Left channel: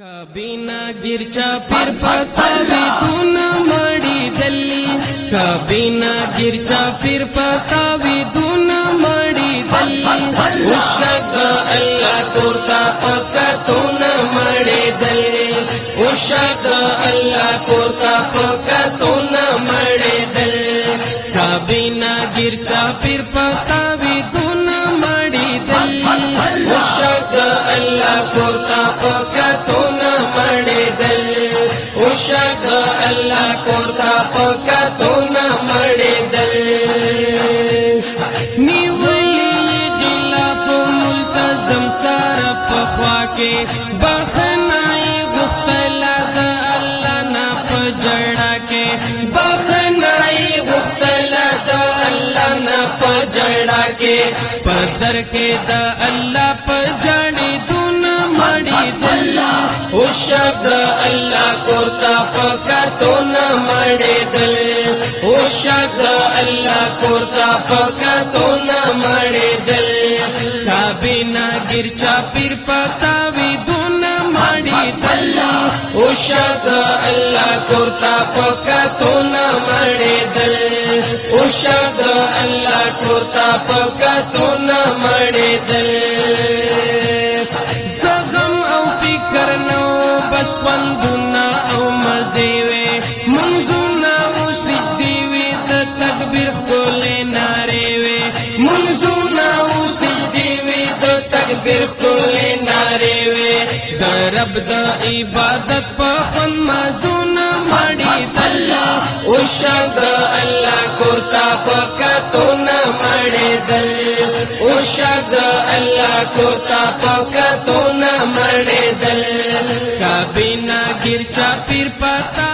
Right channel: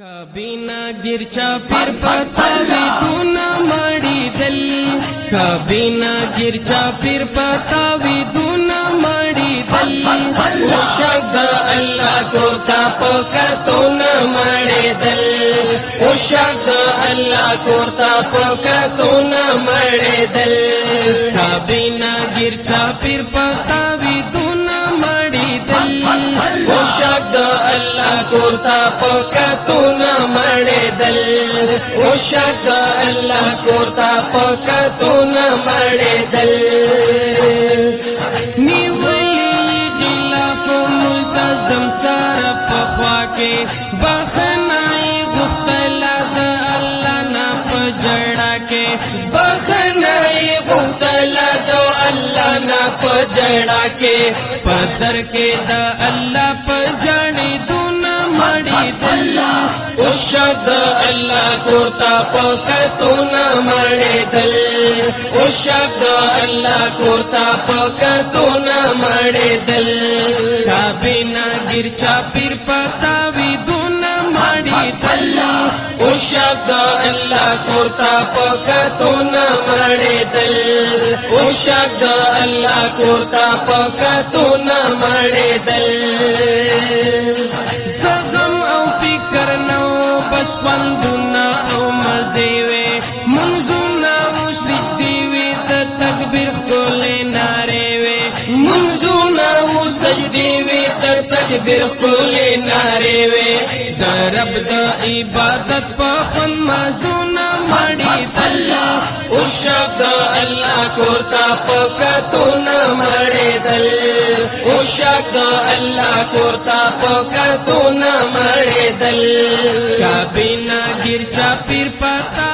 ಕಬಿನ ಗಿರ್ಚಾ ಪಿರ್ ಪತಾವಿ ಧೂನ ಮಾಡಿದಲ್ಲಿ ಕಬಿನ ಗಿರ್ಚಾ ಪಿರ್ ಪತಾವಿ ಧೂನ ಮಾಡಿದಲ್ಲಿ ಉಷಕ ಅಲ್ಲ ತೋರ್ತಾ ಪಕ ತೋನ ಮಾಡಿದಲ್ಲಿ ಉಷಕ ಅಲ್ಲ ತೋರ್ತಾ ಪಕ ತೋನ ಮಾಡಿದಲ್ಲಿ ಕಬಿನ ಗಿರ್ಚಾ ಪಿರ್ ಪತಾವಿ ಧೂನ ಮಾಡಿದಲ್ಲಿ ಉಷಕ ಅಲ್ಲ ತೋರ್ತಾ ಪಕ ತೋನ ಮಾಡಿದಲ್ಲಿ ಉಷಕ ಅಲ್ಲ ತೋರ್ತಾ ಪಕ ತೋನ ಮಾಡಿದಲ್ಲಿ نیولی غلاف ملتزم سار پخوا کے بخنائی غفتلا دا اللہ نا پجڑا کے بخنائی غفتلا دا اللہ نا پجڑا کے پدر کے دا اللہ پجڑی دون مڑی دل اشد اللہ کوتا پکتو نہ مڑے دل اشد اللہ کوتا پکتو نہ مڑے دل کابینا گرچا پیر پتاوی دون مڑی دل اشد اللہ کوتا پکتو نہ مڑے دل اشد اللہ کوتا پکتو نہ مڑے دل کرنو بس پندونا او مزیوے منزونا او سجدیوے دا تکبیر کولے ناریوے منزونا او سجدیوے دا تکبیر کولے ناریوے دا رب دا عبادت پا خون مزونا مڑی دل اشد اللہ کوتا پکتونا مڑی دل اشد اللہ کوتا پکتونا مڑی دل کابینا گرچا پیر پتا